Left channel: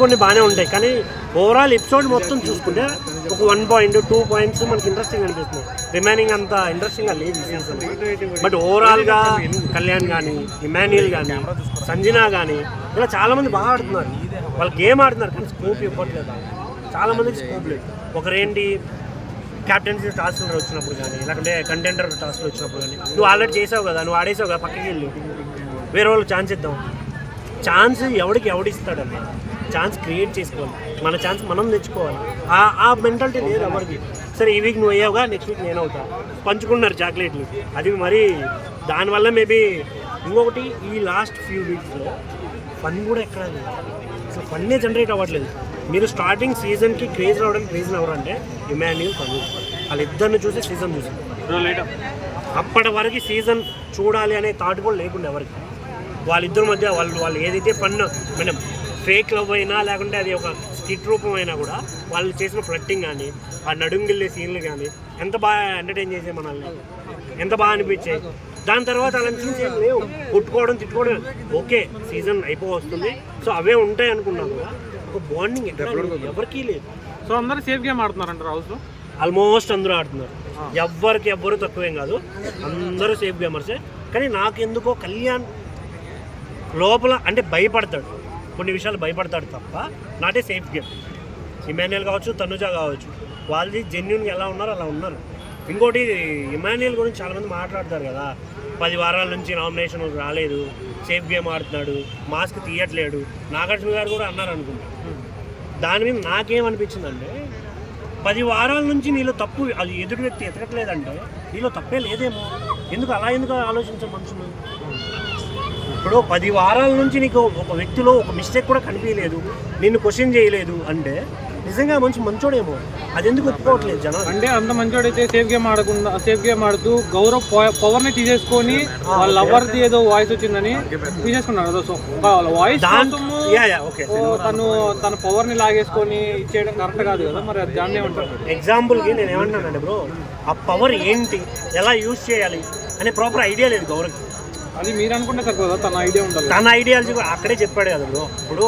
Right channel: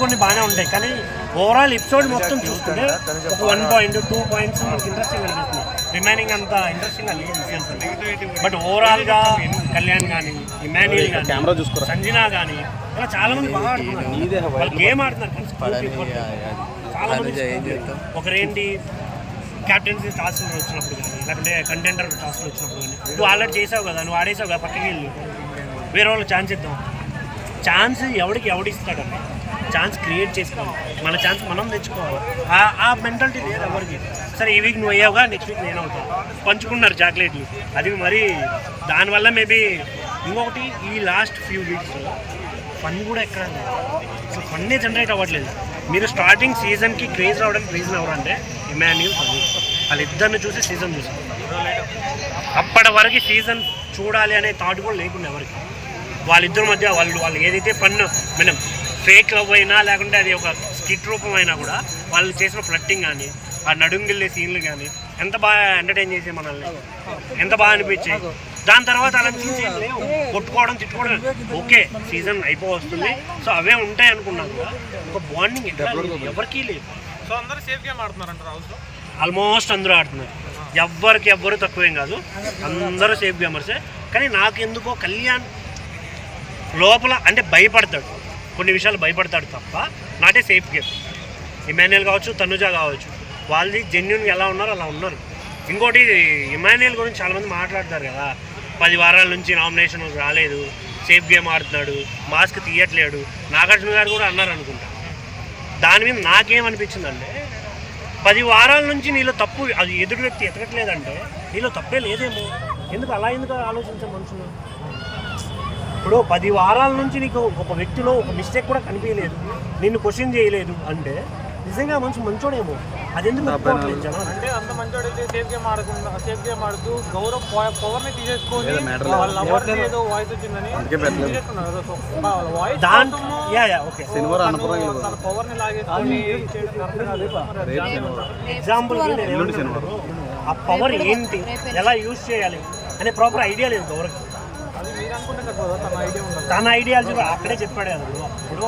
కొన్ని బాగానే ఉంటాయి, కానీ ఓవరాల్ ఎపిసోడ్ మొత్తం చూసుకుంటే ఒక 1 పాయింట్ 2 పాయింట్స్ మనకి ఇంట్రెస్టింగ్ అనిపిస్తుంది. రిమైనింగ్ అంత ఇంట్రెస్టింగ్గా లేదు ఈ సీజన్. బట్ ఓవరాల్గా కళ్యాణ్ కానీ, ఇమాన్యుయల్ కానీ, సంజన కానీ ఇలా చాలా మంది బాగా ఆడుతున్నారు. వాళ్ళు గేమ్ ఆడుతున్నారు కానీ స్కోప్ ఇవ్వట్లేదు. చాలా మందికి స్కోప్ లేదు. ఒకరేంటి క్యాప్టెన్సీ టాస్క్లు వచ్చినప్పుడు కానీ, లేకుంటే కంటెండర్ టాస్క్లు వచ్చినప్పుడు కానీ, నువ్వు ఆల్రెడీ చేసావు కదా, నువ్వు ఆడేసావు కదా, పక్కకి వెళ్ళి వేరే వాళ్ళకి ఛాన్స్ ఇద్దాం. ఛాన్స్ ఎవడిస్తాడన్న, ఛాన్స్ క్రియేట్ చేసుకోవాలి. మన ఛాన్స్ మనం తెచ్చుకోవాలి. ఆ మెంటాలిటీ లేదు ఎవరికి. సరే ఈ వీక్ నువ్వు అయ్యావుగా, నెక్స్ట్ వీక్ నేను అవుతా, పంచుకున్నారు చాక్లెట్లు. అది మరి దానివల్ల మేబీ ఇంకొకటి ఈ లాస్ట్ ఫ్యూ వీక్స్లో ఫన్ కూడా ఎక్కడ లేదు. అసలు ఫన్నే జనరేట్ అవ్వట్లేదు. మీరు స్టార్టింగ్ సీజన్కి క్రేజ్ రావడానికి రీజన్ ఎవరంటే ఇమాన్యుయల్, తనుజ్. వాళ్ళిద్దరిని చూసి సీజన్ చూసాం. అప్పటి వరకు సీజన్ చూడాలి అనే థాట్ కూడా లేకుండా ఎవరికి. వాళ్ళిద్దరి మధ్య వాళ్ళు ఏదైతే ఫన్ మనం ఫేక్ లవ్ అయినా, లేకుంటే అది ఒక స్కిట్ రూపం అయినా కూడా వాళ్ళు చేసిన ఫ్లట్టింగ్ కానీ, ఆ నడుంగిల్లే సీన్లు కానీ ఎంత బాగా ఎంటర్టైన్ చేసే మనల్ని, ఎంత బాగా అనిపించాయి. దాని తర్వాత అలాంటి సీన్స్ ఏం లేవు. కొట్టుకోవడం, తిట్టుకోవడం ఓకే, సీజన్ అయిపోవస్తుంది, సో అవే ఉంటాయి అనుకున్నాం కూడా. ఒక బాండింగ్ ఎవరికీ లేదు. సో అందరూ సేఫ్ గేమ్ ఆడుతున్నారంటారు హౌస్లో. ఆల్మోస్ట్ అందరూ ఆడుతున్నారు. ఎవ్వరు తక్కువేం కాదు, అందరూ సేఫ్ గేమర్సే. కానీ నాకు ఎందుకో కళ్యాణ్ లోపల అంటే భయపడతాడు, కొన్ని విషయాలు భయపడతాడు తప్ప నాటే సేఫ్ గేమ్. ఇమాన్యుయల్ కావచ్చు, తనుజ కావచ్చు, వాళ్ళది జెన్యున్గా ఎలా ఉన్నారో అలా ఉన్నారు. ఇంకోటి ఇమాన్యుయల్ గురించి చాలామంది మాట్లాడతారు కదా, 10 వారాల నుంచి నామినేషన్ రాలేదు, సేఫ్ గేమ్ ఆడుతున్నాడు, మాస్క్ తీయట్లేడు. నాగార్జున గారు కూడా అన్నారు అనుకుంటా. దాని మీద నాకేమనిపించిందంటే 10 వారాల నుంచి నీలో తప్పు, అది ఎదుటి వ్యక్తి ఎతకట్లేదంటే నీలో తప్పే లేదేమో. ఎందుకు ఆలోచించే మనుషులు? ఇప్పుడు 10 వారాల నుంచి నీకు ఒక వ్యక్తిలో ఒక మిస్టేక్ కూడా కనిపించలేదు, నిన్ను క్వశ్చన్ చేయలేదు అంటే నిజంగా మంచోడేమో. అది ఎందుకు ఒప్పుకోవట్లేదు జనాలు? అంటే అంత మంచోడైతే సేఫ్ గేమ్ ఆడుతూ గౌరవ్ పవర్ ని తీసేసుకొని లవర్ది ఏదో వాయిస్ వచ్చిందని తీసేసుకున్నాడు. వాయిస్ తన పవర్ ని లాగేసుకొని ఇచ్చేయడం కరెక్ట్ కాదు కదా. మరి అది దాన్ని ఏమంటారు? ఎగ్జాంపుల్కి నేను ఏమంటున్నాను బ్రో, ఆ పవర్ ఏంటి, ఎలా యూజ్ చేయాలి అనే ప్రాపర్ ఐడియా లేదు గౌరవ్కి. అది మీరు అనుకుంటే సరిపోదా? తన ఐడియా ఉండాలి. తన ఐడియాలజీ అక్కడే చెప్పాడు కదా బ్రో. ఇప్పుడు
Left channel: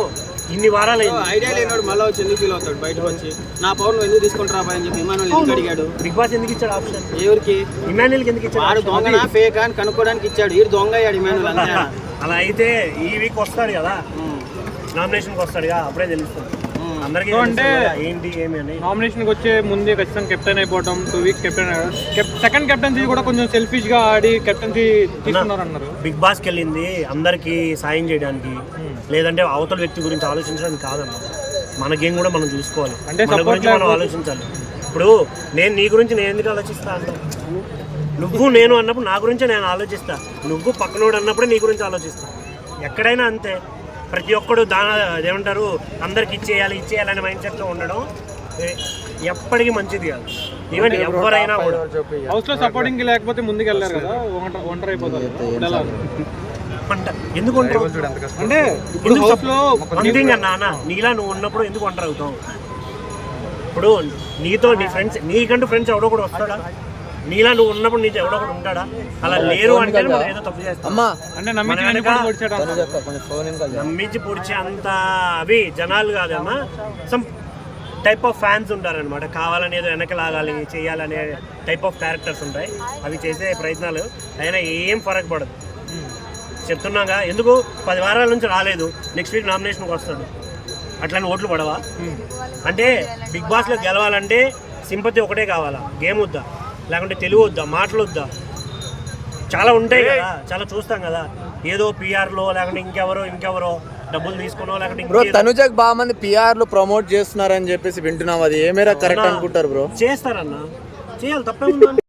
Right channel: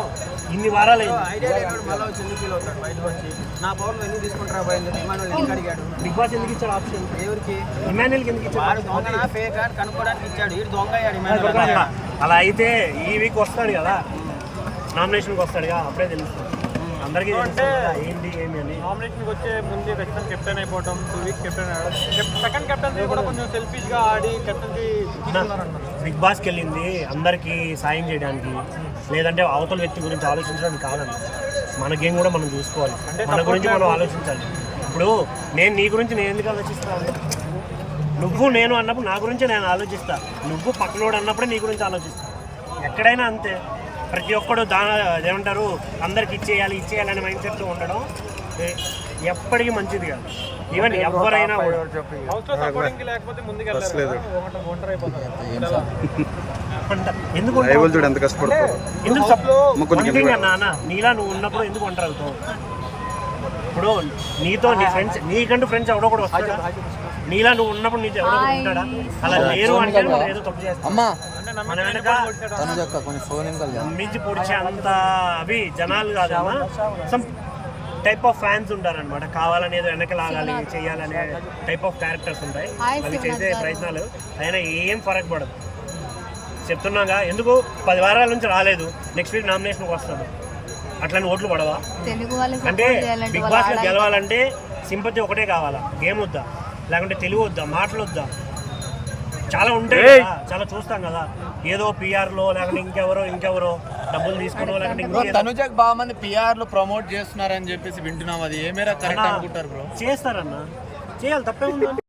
ఇన్ని వారాలు ఐడియా లేనాడు మళ్ళీ వచ్చి ఎందుకు ఫీల్ అవుతాడు బయటకు వచ్చి, నా పవర్ ఎందుకు తీసుకుంటారా అని చెప్పి ఇమాన్యుయల్ ఎందుకు అడిగాడు? బిగ్ బాస్ ఎందుకు ఇచ్చాడు ఆప్షన్? ఎవరికి? ఇమాన్యుయల్కి ఎందుకు ఇచ్చాడు? ఆడు దొంగనా ఫేక్ అని కనుక్కోవడానికి ఇచ్చాడు. ఈ దొంగ అయ్యాడు ఇమాన్యుయల్. అలా అయితే ఈ వీక్ వస్తాడు కదా, నామినేషన్కి వస్తాడుగా, అప్పుడే తెలుస్తుంది అందరికీ ఏంటి ఏమి అని. నామినేషన్కి వచ్చే ముందే ఖచ్చితంగా కెప్టెన్ అయిపోవడం, 2 వీక్స్ కెప్టెన్ సెకండ్ కెప్టెన్సీ కూడా కొంచెం సెల్ఫిష్ గా ఆడి కెప్టెన్సీ తీసుకున్నారన్నారు. బిగ్ బాస్కి వెళ్ళింది అందరికీ సాయం చేయడానికి, లేదంటే అవతల వ్యక్తి గురించి ఆలోచించడానికి కాదన్న. మన గేమ్ కూడా మనం చూసుకోవాలి, మన గురించి మనం ఆలోచించాలి. ఇప్పుడు నేను నీ గురించి నేను ఎందుకు ఆలోచిస్తా అంట? నువ్వు నేను అన్నప్పుడు నా గురించి నేను ఆలోచిస్తా, నువ్వు పక్కనోడు అన్నప్పుడే నీ గురించి ఆలోచిస్తా. ఎక్కడైనా అంతే. ప్రతి ఒక్కడు ఏమంటారు అందరికి ఇచ్చేయాలనే మైండ్ సెట్తో ఉండడం ఎప్పటికీ మంచిది కాదు. ఈవెన్ ఎవరైనా సపోర్టింగ్ లేకపోతే ముందుకు వెళ్ళారు కదా, ఒంటరి అయిపోతారు. ఎందుకు వన్ థింగ్ అన్నా, నీలా నువ్వు ఉన్నప్పుడు ఎందుకు ఒంటరి అవుతావు? ఇప్పుడు నీతో నీ ఫ్రెండ్స్, నీకంటూ ఫ్రెండ్స్ ఎవడో కూడా వస్తాడా? నీలా నువ్వు ఉన్నప్పుడు నీతో ఎవడో కూడా ఉంటాడా? అలా లేరు అంటే మనం ఏదో తప్పు చేస్తాం. మన వెనక నమ్మించి పొడిచే అంత అవి జనాలు కాదమ్మా, సమ్ టైప్ ఆఫ్ ఫ్యాన్స్ ఉంటారనమాట. కావాలని ఏదో వెనక లాగాలి చేయాలనే టైప్ ఆఫ్ క్యారెక్టర్స్ ఉంటాయి. అవి చేసే ప్రయత్నాలు అయినా ఏం ఫరక్ పడదు. చెప్తున్నాగా, ఎందుకు 10 వారాల నుంచి రాలేదు, నెక్స్ట్ వీక్ నామినేషన్కి వస్తాడు, అట్లానే ఓట్లు పడవా? అంటే బిగ్ బాస్లో గెలవాలంటే సింపతి ఒకటే కావాలా, గేమ్ వద్దా, లేకుంటే తెలివి వద్దా, మాటలు వద్దా? చాలా ఉంటాయి కదా, చాలా చూస్తాం కదా. ఏదో పిఆర్లో లేకుంటే ఇంకెవరో డబ్బులు తీసుకున్నావు, లేకుంటే తనుజకు బాగా మంది పిఆర్లు ప్రమోట్ చేస్తున్నారని చెప్పేసి వింటున్నాం. అది ఏమేరా కరెక్ట్ అనుకుంటారు బ్రో? చేస్తారన్నా, చేయాలి, తప్పే ఉందని